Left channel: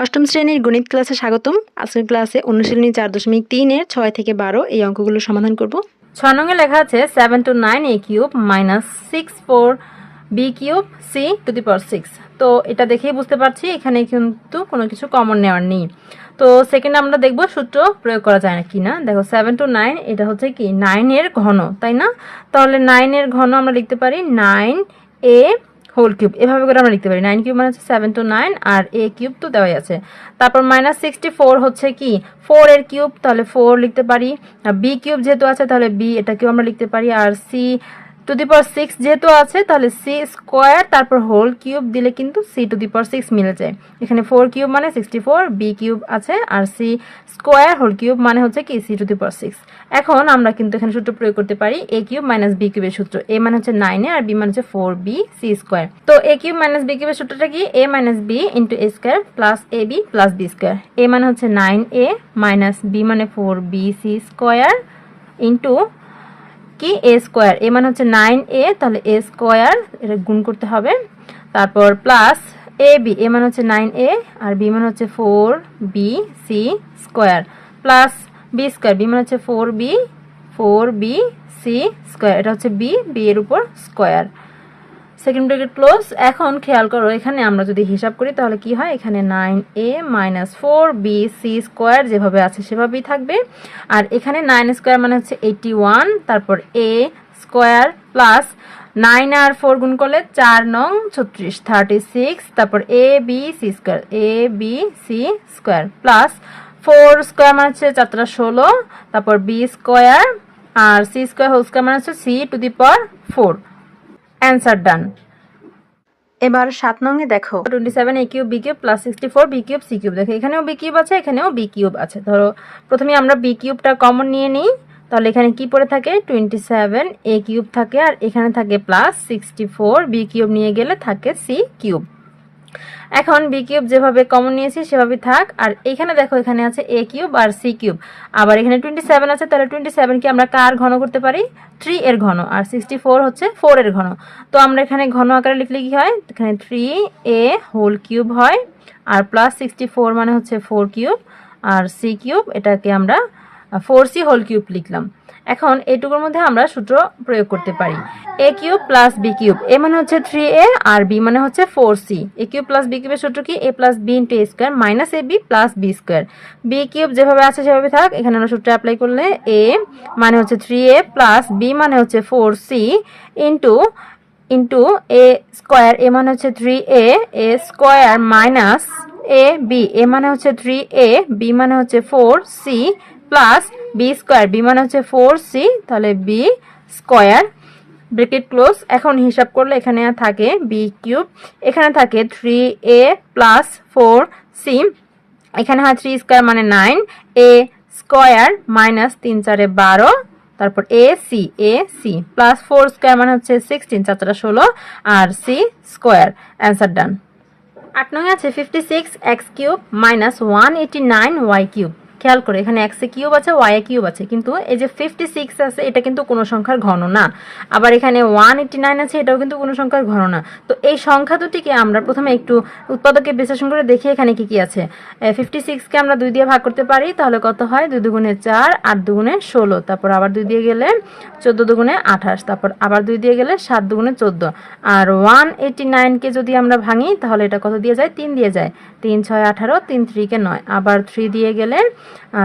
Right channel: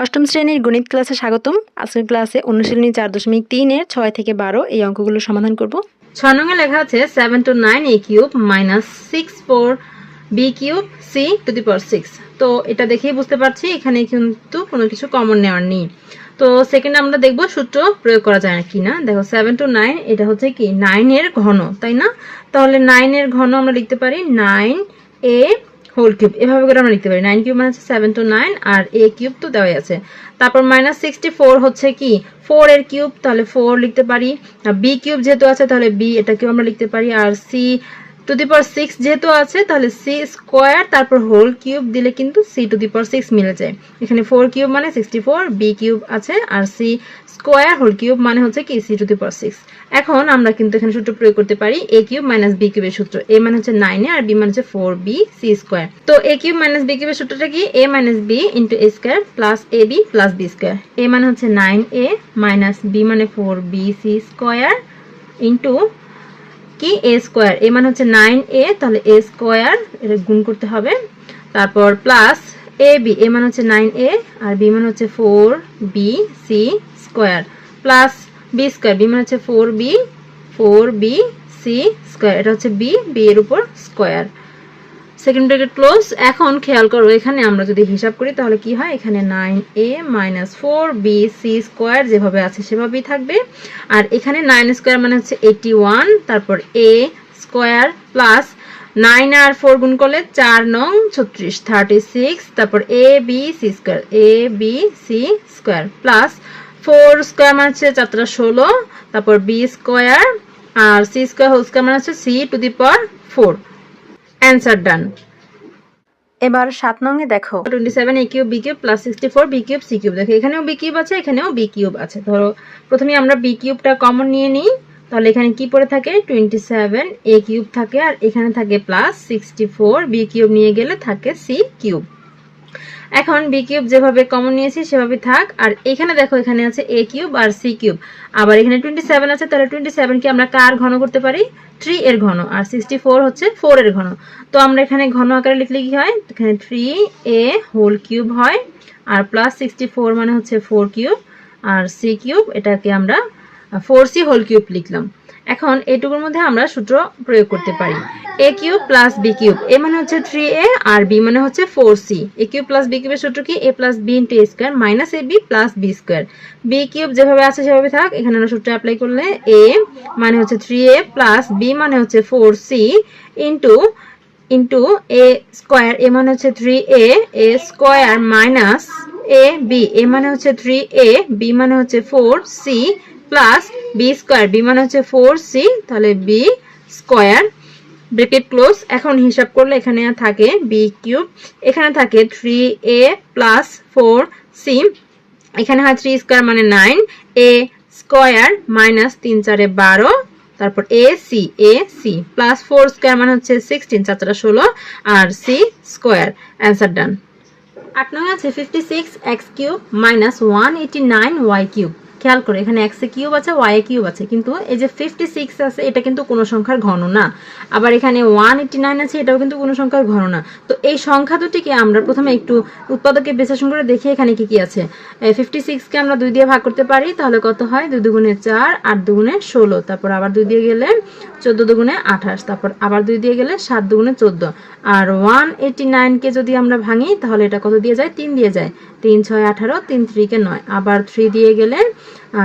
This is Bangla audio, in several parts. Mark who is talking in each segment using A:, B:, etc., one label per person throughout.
A: অষ্টম শ্রেণির গণিত ক্লাসে স্বাগতম। আজকের ক্লাসে অনুশীলনী চার দশমিক তিনের ছয় থেকে বারো এই অঙ্কগুলো সমাধান করব। ছয় নঙ্গে লেখা আছে seven two nine A cube minus six four B cube C to the power six তো এটা দেখেই বুঝতে পারছি, এখানে কিন্তু কোনো কিছু কমন নেওয়ার নেই। তো সেকেন্ড আমরা দেখব সূত্র প্রয়োগ করা যায় না কি না দেখো সেভেন টু নাইন এটা হচ্ছে কি নাইনের ঘন, তাই না? তাহলে নাইনের ঘন আমরা লিখতে পারি নাইন এ হোল কিউব এভাবে করে আমরা লিখতে পারি। নাইন কিউব মানে হচ্ছে সেভেন টু নাইন আর এ কিউব তো দেওয়াই আছে। তারপর মাইনাস সিক্সটি ফোর হচ্ছে কি? ফোর এর কিউব তাহলে ফোর লিখতে পারি। বি কিউব যেহেতু আছে, তাহলে বি এটা কিউব আমরা লিখতে পারি। আর C to the power six যেহেতু আছে, তাহলে সি স্কোয়ার, তারপর হোল কিউব দিলে কিন্তু C to the power six মিলে যায়। এখানে ফোর কিউব মানে সিক্সটি ফোর, বি কিউব আছে, আর সি স্কোয়ার, হোল কিউব মানে হচ্ছে কি C to the power six. এখন আমরা কিন্তু এখানে সূত্র প্রয়োগ করতে পারি এ কিউব মাইনাস বি কিউবের সূত্র। এ মানে হচ্ছে নাইনে আর বি মানে হচ্ছে ফোর বি সি স্কোয়ার। তো এ কিউব মাইনাস বি কিউবের সূত্রটা কি? A minus B into A square plus A B plus B square. A মানে হচ্ছে নাইন এ মাইনাস বি মানে four B C square into কি? এ স্কোয়ার এ মানে হচ্ছে নাইন এ তাহলে এ স্কোয়ার এটা গুণ করতে হবে। তারপর প্লাস এ বি এ মানে হচ্ছে নাইন এ আর বি মানে হচ্ছে four B C square plus B square B মানে হচ্ছে four B four B C square এটা হচ্ছে বি বি এর উপর স্কোয়ার সেকেন্ড ব্রেকেট ক্লোজ এখন খেয়াল করো, এখানে আমরা যদি হিসাব করি, তাহলে কি হয়? এখানে nine A minus four B C square যেভাবে আছে সেভাবেই থাকবে। আর এখানে নাইন স্কোয়ার মানে হচ্ছে এইটি ওয়ান তারপর এ স্কোয়ার প্লাস নাইন আর ফোর গুণ করলে চার নং ছত্রিশ থার্টি সিক্স তারপর A B C square A B C square plus four square মানে হচ্ছে চারটা ষোলো, তারপর বি স্কোয়ার আর সি স্কোয়ার হোল স্কোয়ার মানে হচ্ছে C to the power four answer done এবার সাত নংয়ে দেখো। Twenty seven A cube B cube plus sixty four B cube C cube দেখো এখানেও বি কিউব আছে এখানেও বি কিউব আছে। ধরো প্রথমে আমরা বি কিউবটা কমন নিয়ে নিই। তাহলে এখানে কি পড়ে থাকে? টোয়েন্টি সেভেন এ কিউব থাকে আর এখানে থাকে plus sixty four B cube নিয়ে গেলে থাকে সি কিউব এখন বি কিউব যেভাবে কমন নিয়েছি, সেভাবে থাক। আর এখানে দেখো, এখানে আছে এ কিউব আর সি কিউব আবার এখানে টোয়েন্টি সেভেন আছে, তাহলে টোয়েন্টি সেভেনকে আমরা কার ঘন করতে পারি? থ্রি এর ঘন। আর সিক্সটি ফোর হচ্ছে ফোর এর ঘন। তো আমরা এখানে ঘন আকারে লিখলে কি হয়? এখানে থ্রি এ হোল কিউব হয়। আর প্লাস সিক্সটি ফোর মানে হচ্ছে ফোর কিউব আর সি কিউব এটাকে আমরা ফোর সি হোল কিউব লিখলাম। এখন এটুকুর মধ্যে আমরা সূত্র প্রয়োগ করতে পারি। A cube plus B cube A মানে হচ্ছে থ্রি এ আর বি মানে হচ্ছে four C A cube plus B কিউবের সূত্র কি? A plus B into A square minus A B plus B square B cube যেভাবে আছে সেভাবে থাক, এখানে আমরা সূত্র অ্যাপ্লাই করলে এ মানে হচ্ছে থ্রি এ প্লাস বি মানে হচ্ছে four C into into A square A মানে হচ্ছে three A A square minus A B A মানে হচ্ছে থ্রি এ বি মানে হচ্ছে four C plus B square, B মানে হচ্ছে ফোর সি, তাহলে বি স্কোয়ার ব্রেকেট ক্লোজ, এখন হিসাব করলে এখানে থাকে বি কিউব, এখানে থাকে three A plus four C, এখানে হয় থ্রি স্কোয়ার মানে নাইন, এ স্কোয়ার মাইনাস তিন চারে বারো, তারপর A C A C, plus four square মানে হচ্ছে সিক্সটিন, চার চারা ষোলো, আর সি স্কোয়ার, অ্যান্সার ডান। আট নয় আছে fifty six X cube minus one eighty nine Y cube. খেয়াল করে, এখানে এক্স কিউব আছে ওয়াই এ কিউব আছে, কিন্তু এই যে ফিফটি সিক্স আছে, এটা কিন্তু কোনো সংখ্যার ঘন না। আবার এখানে ওয়ান এইটি নাইন আছে, এটাও কিন্তু কোনো সংখ্যার ঘন না। তো এই সংখ্যা দুটিকে আমরা প্রথমে একটু উৎপাদকে বিশ্লেষণ করে দেখি এখানে কি কি আছে। ফিফটি সিক্সকে আমরা দুই দিয়ে ভাগ করতে পারি, তাহলে কত হয়? দুই দুগুণে চার, আট দুগুণে ষোলো। তারপর আবার দুই দিয়ে গেলে চোদ্দ দুগুণে আঠাশ। তারপর আবার দুই দিয়ে গেলে সাত দুগুণে চোদ্দ। আর ওয়ান এইটি নাইনকে যদি আমরা ভাঙি, তাহলে এটা কত দিয়ে যায়? তিন দিয়ে যায়। তিন ছয় আঠারো, তিন থ্রিকে নয়। আবার থ্রি দিয়ে গেলে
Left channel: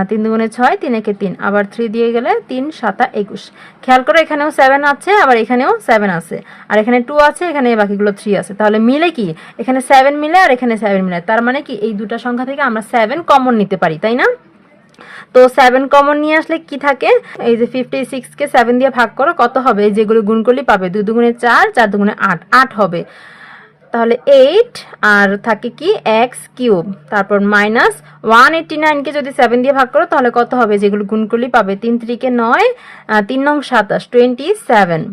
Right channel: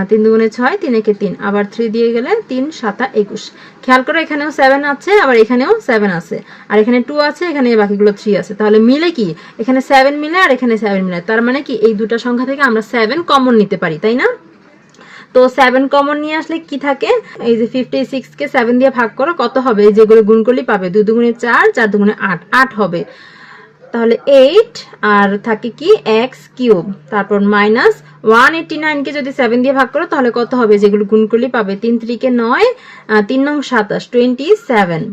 A: তিন দুগুণে ছয়, তিন একে তিন। আবার থ্রি দিয়ে গেলে তিন, সাতা, একুশ। খেয়াল করো, এখানেও সেভেন আছে, আবার এখানেও সেভেন আছে। আর এখানে টু আছে, এখানে বাকিগুলো থ্রি আছে। তাহলে মিলে কি? এখানে সেভেন মিলে আর এখানে সেভেন মিলে। তার মানে কি? এই দুটো সংখ্যা থেকে আমরা সেভেন কমন নিতে পারি, তাই না? তো সেভেন কমন নিয়ে আসলে কি থাকে? এই যে ফিফটি সিক্স কে সেভেন দিয়ে ভাগ করো, কত হবে? যেগুলো গুণ করলেই পাবে। দুই দুগুণে চার চার দুগুণে আট। আট হবে। তাহলে এইট আর থাকে কি এক্স কিউব তারপর মাইনাস ওয়ান এইটটি নাইনকে যদি সেভেন দিয়ে ভাগ করো, তাহলে কত হবে? যেগুলো গুণ করলেই পাবে তিন ত্রিকে নয় তিন নং সাতাশ টোয়েন্টি সেভেন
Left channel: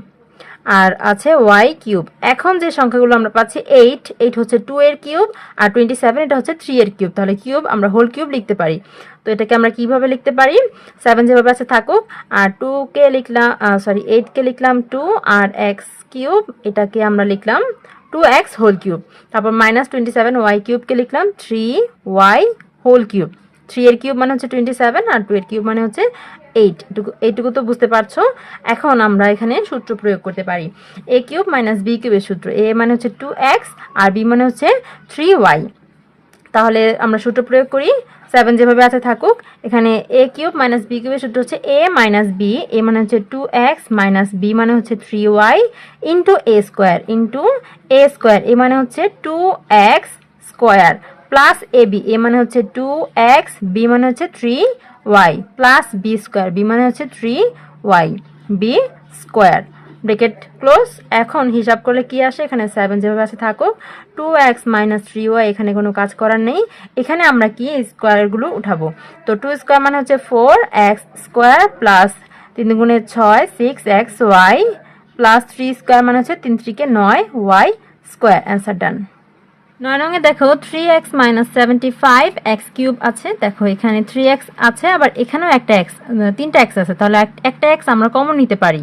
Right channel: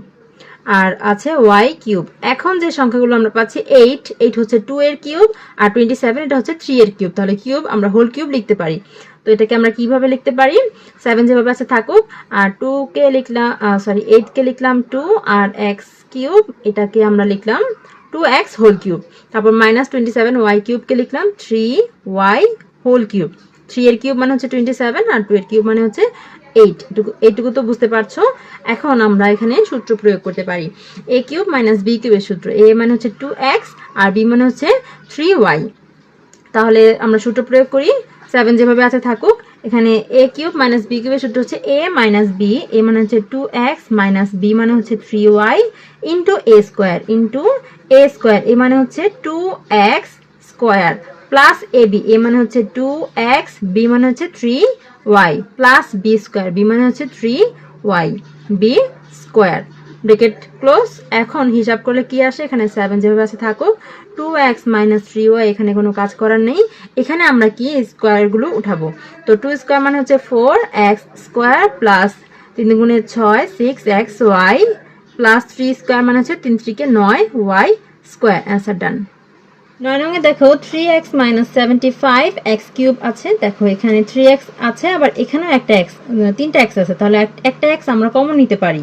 A: আর আছে ওয়াই কিউব এখন যে সংখ্যাগুলো আমরা পাচ্ছি এইট এইট হচ্ছে টু এর কিউব আর টোয়েন্টি সেভেন এটা হচ্ছে থ্রি এর কিউব তাহলে কিউব আমরা হোল কিউব লিখতে পারি। তো এটাকে আমরা কীভাবে লিখতে পারি? সেভেন যেভাবে আছে থাকুক, আর টু কে লিখলাম সরি এইট কে লিখলাম টু আর এক্স কিউব এটাকে আমরা লিখলাম টু এক্স হোল কিউব তারপর মাইনাস টোয়েন্টি সেভেন ওয়াই কিউবকে লিখলাম three Y whole cube three এর কিউব মানে হচ্ছে টোয়েন্টি সেভেন আর টু এর কিউব মানে হচ্ছে এইট এইটুকু তো বুঝতে পারছ? এখন আমরা এখানে সূত্র প্রয়োগ করতে পারি। এ কিউব মাইনাস বি কিউবের সূত্র। এ মানে হচ্ছে টু এক্স আর বি মানে হচ্ছে থ্রি ওয়াই তাহলে আমরা সূত্র প্রয়োগ করি। সেভেন যেভাবে আছে থাকুক, এখানে এ কিউব মাইনাস বি কিউবের সূত্র হচ্ছে এ মাইনাস বি এ মানে হচ্ছে টু এক্স মাইনাস বি মানে হচ্ছে three Y into A square into A square A মানে হচ্ছে two X square plus A B A মানে হচ্ছে টু এক্স বি মানে হচ্ছে three Y plus B square B মানে হচ্ছে three Y B square bracket close এখন হিসাব করলে কি আসে? এখানে সেভেন যেভাবে আছে থাকুক two X minus three Y এখানে কোনো কাজ করার নেই। এখানে আমরা কি স্কোয়ারগুলো উঠাবো? তো টু স্কোয়ার মানে হচ্ছে ফোর এক্স স্কোয়ার প্লাস তিন গুণে ছয় six X Y plus three square মানে হচ্ছে তিন থ্রিকে নয় ওয়াই স্কোয়ার অ্যান্সার ডান নয় রঙে দেখো three X minus seventy five X cube আছে। দেখো, এখানে থ্রি এক্স আছে, আবার এখানেও একটা এক্স তিনটা এক্স আছে। তাহলে এক- একটা এক্স আমরা কমন নিতে পারি।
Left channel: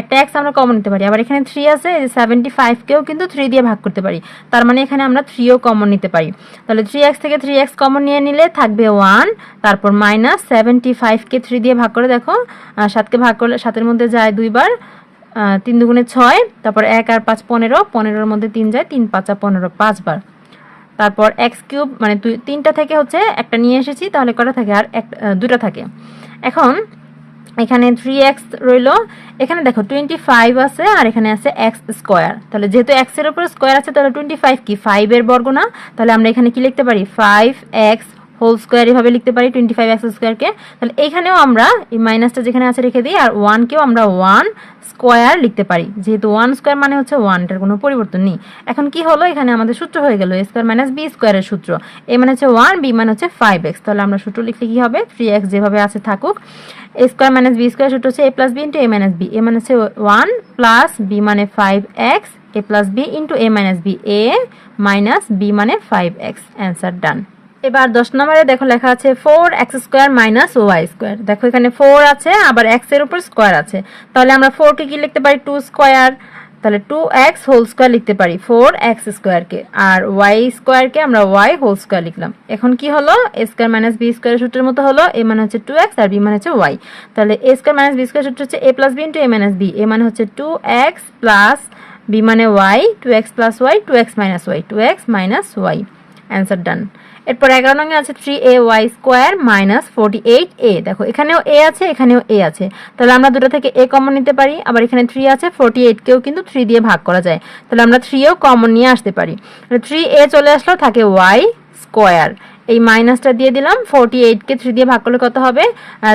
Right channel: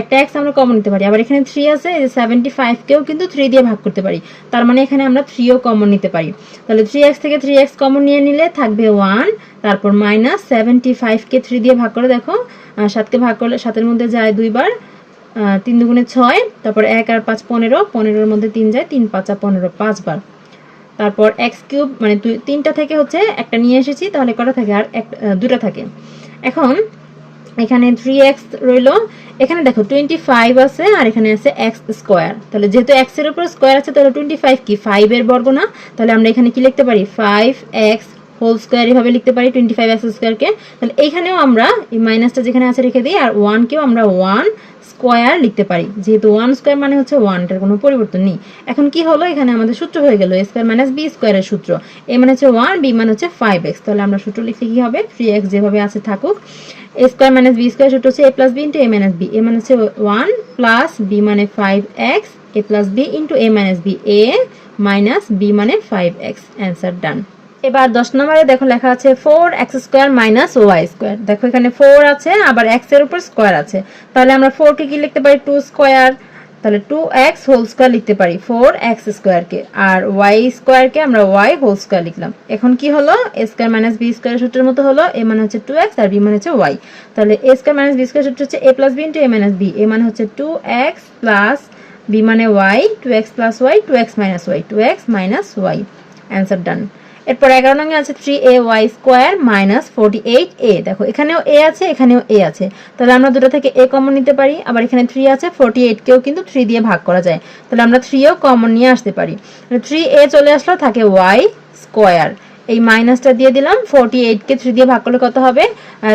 A: একটা এক্স আমরা কমন নিতে পারি। আবার এখানে থ্রি আছে সেভেন্টি ফাইভকেও কিন্তু থ্রি দিয়ে ভাগ করতে পারি। তার মানে এখানে আমরা থ্রিও কমন নিতে পারি। তাহলে থ্রি এক্স থেকে থ্রি এক্স কমন নিয়ে নিলে থাকবে ওয়ান তারপর মাইনাস সেভেন্টি ফাইভকে থ্রি দিয়ে ভাগ করে দেখো সাতকে ভাগ করলে সাতের মধ্যে যায় দুইবার তিন দুগুণে ছয়, তারপর এক আর পাঁচ পনেরো, পনেরোর মধ্যে তিন যায় তিন পাঁচা পনেরো পাঁচবার। তারপর এক্স কিউব মানে তিনটা থেকে হচ্ছে একটা নিয়ে এসেছি, তাহলে কটা থাকে? আর এক দুটো থাকে। এখন এখানে থ্রি এক্স রইল। এখানে দেখো টোয়েন্টি ফাইভ আছে আর এখানে আছে এক্স স্কোয়ার তাহলে যেহেতু এক্সের উপরে স্কোয়ার আছে, তাহলে টোয়েন্টি ফাইভ কি? ফাইভ এর বর্গ না? তাহলে আমরা এখানে কি লিখতে পারি? ফাইভ এক্স হোল স্কোয়ার এভাবে লিখতে পারি টোয়েন্টি ফাইভ এক্স স্কোয়ারকে তাহলে এখানেও আমরা এই মাইনাসটা যেখানে আছে রেখে দিই, আর ওয়ানকেও আমরা ওয়ান স্কোয়ার লিখতে পারি। যেহেতু ওয়ান স্কোয়ার মানে হচ্ছে ওয়ানটার কোনো পরিবর্তন নেই। এখন কি হলো? এখানে আমাদের সূত্র হয়ে গেল। স্কোয়ার মাইনাস বি স্কোয়ারের সূত্র। এ মানে হচ্ছে ওয়ান, বি মানে হচ্ছে ফাইভ এক্স তাহলে আমরা সূত্র লিখতে কি হবে? থ্রি এক্স যেভাবে আছে থাকুক। A square minus B square সূত্র হচ্ছে A plus B into A minus B A মানে হচ্ছে ওয়ান প্লাস বি মানে five X A plus B into A minus B A minus B মানে ফাইভ এক্স অ্যান্সার ডান এবার দশ নম্বরে দেখো লেখা আছে four X square minus Y square দেখো এখানে ফোর আছে, আবার এক্সের উপর স্কোয়ার আছে। তাহলে আমরা ফোর কে কি লিখতে পারি? টু স্কোয়ার তাহলে টু এক্স হোল স্কোয়ার লিখতে পারি ফোর এক্স স্কোয়ারকে আর ওয়াই স্কোয়ারকে আমরা ওয়াই হোল স্কোয়ার লিখলাম। এখন কি হলো? A square minus B square সূত্রের মতো হলো এ মানে হচ্ছে টু এক্স আর বি মানে হচ্ছে ওয়াই তাহলে A square minus B square সূত্র হচ্ছে A plus B into A minus B A মানে হচ্ছে টু এক্স প্লাস বি মানে Y two X plus Y two X minus Y two X minus Y answer done এরপর এগারো নং আছে three A Y square minus forty eight A দেখো, এখানেও এ আছে, এখানেও এ আছে। তাহলে আমরা দুটো থেকে এ কমন নিতে পারি, আবার এখানে থ্রি আছে ফোর্টি এইটকেও কিন্তু থ্রি দিয়ে ভাগ করা যায়। তাহলে আমরা থ্রিও কমন নিয়ে আসতে পারি। থ্রি এ চলে আসলো, থাকে ওয়াই স্কোয়ার এই মাইনাসটা দিয়ে দিলাম ফোর্টি এইটকে থ্রি দিয়ে ভাগ করলে কত হবে?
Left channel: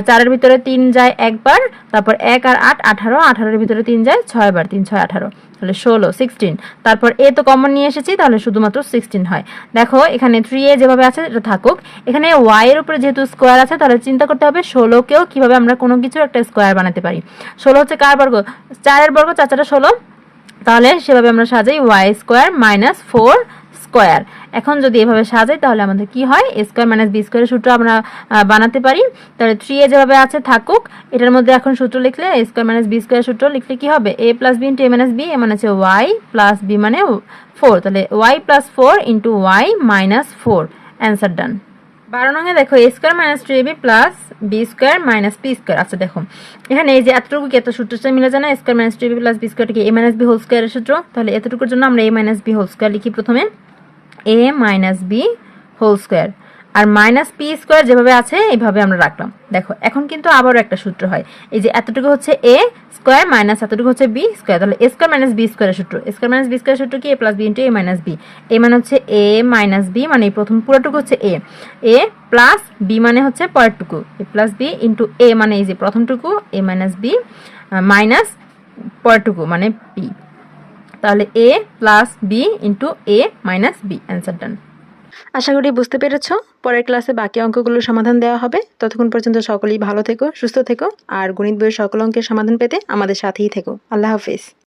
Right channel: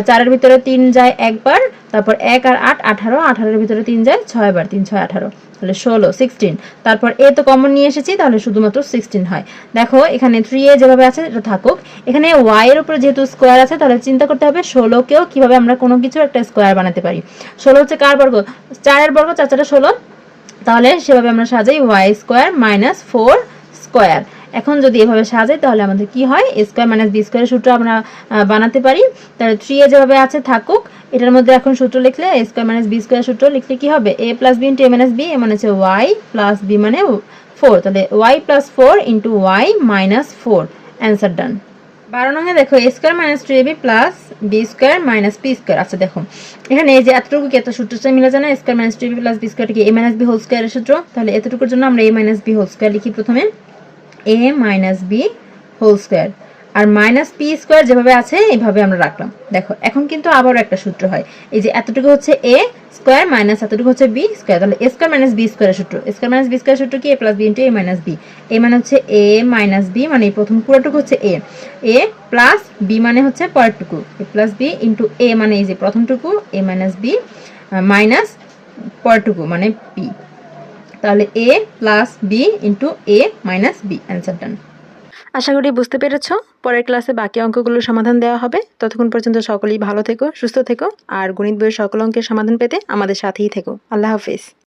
A: চারের ভিতরে তিন যায় একবার, তারপর এক আর আট, আঠারো, আঠারোর ভিতরে তিন যায় ছয় বার, তিন, ছয়, আঠারো, তাহলে ষোলো সিক্সটিন তারপর এ তো কমন নিয়ে এসেছি, তাহলে শুধুমাত্র সিক্সটিন হয়। দেখো, এখানে থ্রি এ যেভাবে আছে, এটা থাকুক। এখানে ওয়াই এর উপরে যেহেতু স্কোয়ার আছে, তাহলে চিন্তা করতে হবে ষোলোকেও কীভাবে আমরা কোনো কিছু একটা স্কোয়ার বানাতে পারি। ষোলো হচ্ছে কার বর্গ? চারের বর্গ চার চারটা ষোলো। তাহলে সেভাবে আমরা সাজাই Y square minus four square. এখন যদি এভাবে সাজাই, তাহলে আমাদের কি হয়? স্কোয়ার মাইনাস বি স্কোয়ার সূত্র আমরা বানাতে পারি। তাহলে থ্রি এ যেভাবে আছে, থাকুক। এটার মধ্যে এখন সূত্র লিখলে স্কোয়ার মাইনাস বি স্কোয়ার সূত্র লিখলে কি হবে? A plus B into A minus B A মানে হচ্ছে ওয়াই প্লাস বি মানে ফোর তাহলে Y plus four into Y minus four answer done বারো নঙ্গে দেখো A square minus two A B plus B square minus P square আচ্ছা দেখো, এখানে এই যে এতটুকু কি এত সূত্রটা মিলে যায় না? Square minus two B plus B square কি এ মাইনাস বি হোল স্কোয়ারের সূত্র? তাহলে এতটুকুর জন্য আমরা A minus B whole square লিখি প্রথমে। A minus B whole square R minus P square যেভাবে আছে, এইভাবে আমরা রাখলাম। দেখো, এখন কিন্তু আবারও একটা সূত্র হয়। এই যে এতটুকু হচ্ছে এ স্কোয়ার মাইনাস এতটুকু হচ্ছে বি স্কোয়ার তাহলে এ স্কোয়ার মাইনাস বি স্কোয়ারের সূত্র। স্কোয়ার মাইনাস বি স্কোয়ার সূত্র কি? A plus B into A minus B A মানে হচ্ছে এ মাইনাস বি মানে এই প্রথম পুরোটুকু হচ্ছে এ এ প্লাস বি মানে হচ্ছে পরেরটুকু। A plus B into A মানে এই যে প্রথমটুকু এ মাইনাস বি মাইনাস পরেরটুকু মানে পি তাহলে A plus B into A minus B answer done আশা করি বুঝতে পেরেছ। পরের ক্লাসে বাকি অঙ্কগুলোর সমাধান দেওয়া হবে। ততক্ষণ পর্যন্ত সকলেই ভালো থেকো, সুস্থ থেকো। আর গণিত বইয়ের সকল অঙ্কের সমাধান পেতে আমাদের সাথেই থেকো। আল্লাহ হাফিজ।